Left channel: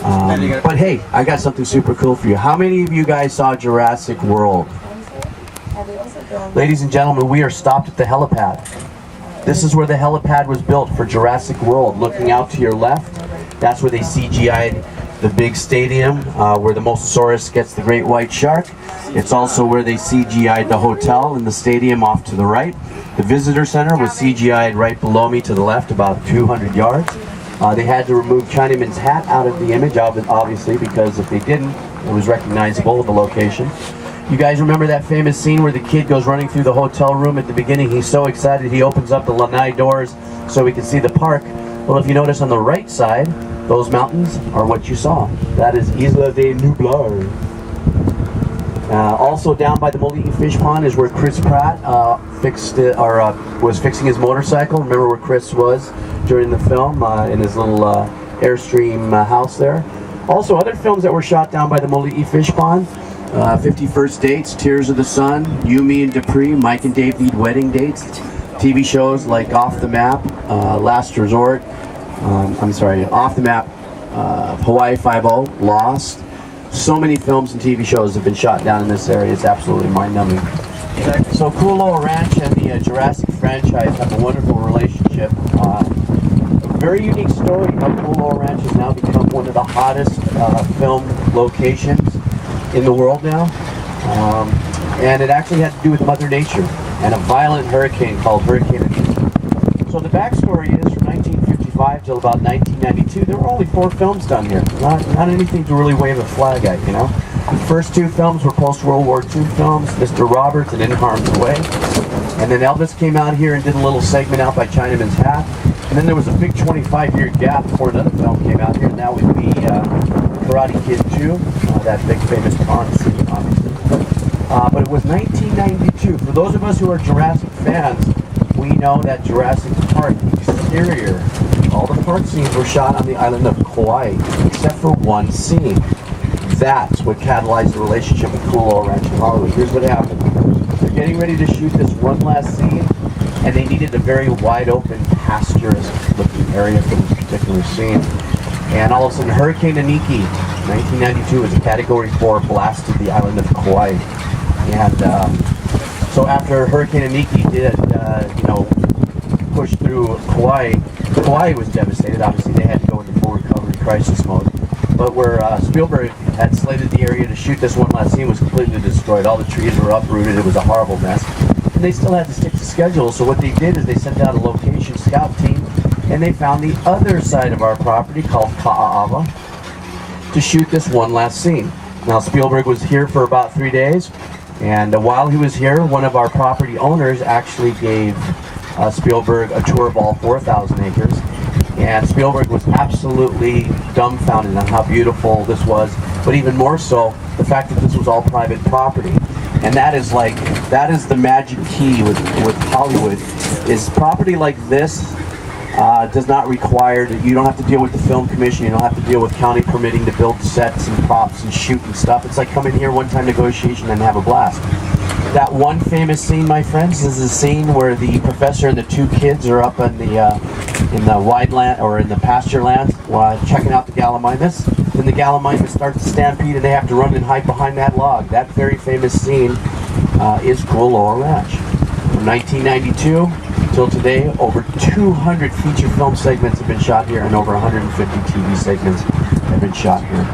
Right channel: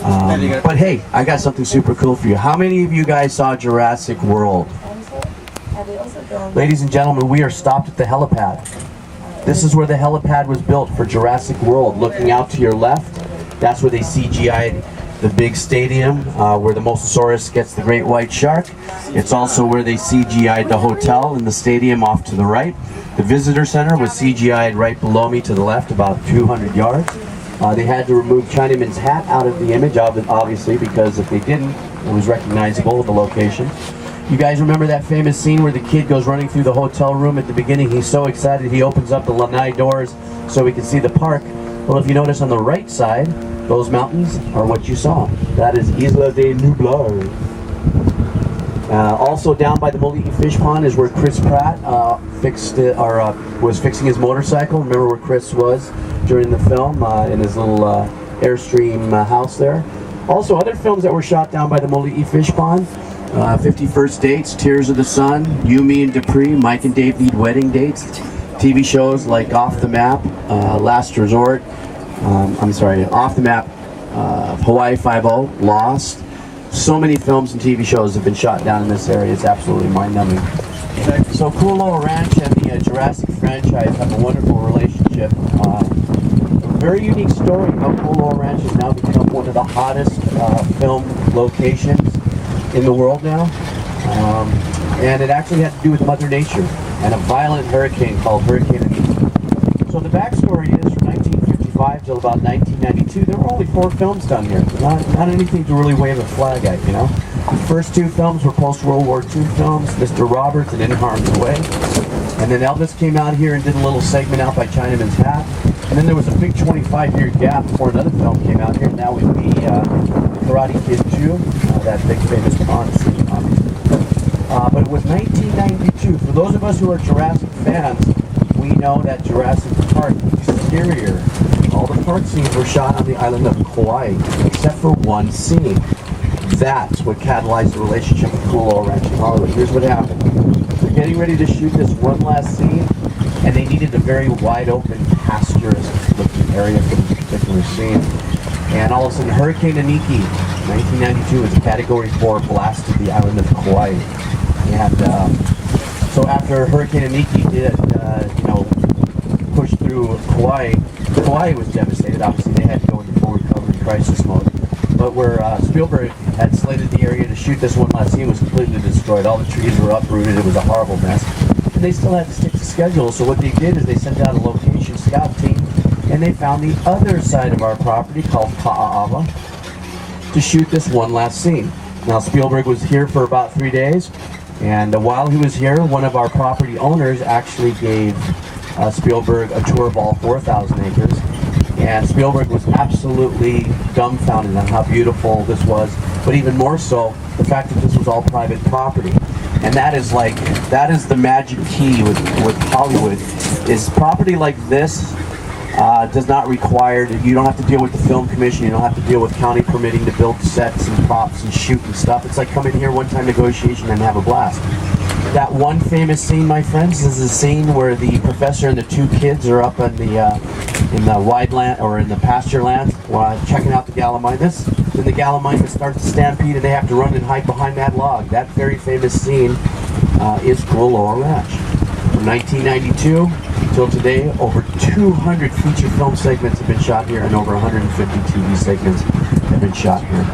But hey, I got something super cool for you. How many of you guys saw Jurassic World? Ladies and gentlemen, we are stopped at the helipad. This is where the helipad was built for Jurassic World. Looking out to your left, that's where they CGI'd the big stadium where the Mosasaurus gets the great white shark. It's also where they CGI'd the hotel and the stadium off to the right. The visitor center was CGI'd right below me to the left, about 200 yards. They had to remove Chinaman's hat out of the image, obviously, because if they didn't, it was recognizable of the location. You guys remember that famous scene where the kid goes running through the hotel room at the beginning? He's so excited he opens up the lanai doors so we can see the park. Well, if you notice on the right side, those mountains are what you saw. That is Isla de Nublar. Also down by the Moli'i Fish Pond is where Chris Pratt was fixing his motorcycle. Remember where Chris was during the film in his little Airstream house there. Also other films that were shot down by the Moli'i Fish Pond. 50 First Dates, Tears of the Sun, You, Me and Dupree, Mike and Dave Need Wedding Dates. TV shows like Off the Map, Last Resort, Off the Map, Hawaii Five-0, Lost. So many films and TV shows have been shot down in this area. It's absolutely mind-numbing. So Kualoa Ranch and the Jurassic franchise have a wonderful relationship. A very unique story how Kualoa Ranch has now become one of the hottest film locations in the world now. And it actually had to do with Mother Nature and a violent hurricane called Hurricane Aniki. So the backstory is from 1955 till about 1992, there were only 4 films done here. Not anything to really wave a flag at, you know. The first 2 films were post-World War II films, Mr. Roberts and In Harm's Way. And then Elvis came out here and did a little segment out by Chinaman's Hat. And then there was a big 25-year gap before another film came out here, and that would be The Karate Kid 2, that big famous pond scene, obviously. But it was 1992. For those of us who are Jurassic fans, we know that Jurassic Park exterior, all the park scenes were shot on the island of Kauai, except for one scene. That's what catalyzed the relationship with Kualoa Ranch in Hollywood. Here's what happened. They're getting ready to shoot this one last scene, and they needed a very wide open, pasturous looking area for this particular scene. And all of a sudden, Hurricane Aniki, 1992, was a Category 4, blasted the island of Kauai. And so after Hurricane Aniki did, push through Kauai, Kauai was devastated. Obviously, they had to go into full recovery crisis mode. But where Spielberg had slated the area to shoot this one last scene was completely destroyed. All the trees were uprooted. It was a horrible mess. And they still had to stick to schedule. So what they did is they sent out a location scout team, and they found the other side of our property called Ka'ava to shoot this one last scene. Now, Spielberg was here for about 3 days. And while he was here, one of our property owners actually gave Spielberg a tour of all 4,000 acres. And Spielberg was absolutely dumbfounded on how beautiful this was, but even more so, the fact that this was all private property. And that is the magic key with Hollywood, is property like this does not require, you don't have to deal with the film commission, you don't have to deal with county permitting to build sets and props and shoot and stuff. It's like come in here, one-time negotiation, and have a blast. That one famous scene, my friends, is the scene where the professor and the 2 kids are up in the wide land, or in the pasture land, checking out the gallimimus. Then the gallimimus starts to stampede and they have to run and hide behind that log. That very famous scene is Kualoa Ranch. From 1992 till today, over 200 feature film segments have been shot here, and over 150 TV segments have been shot here.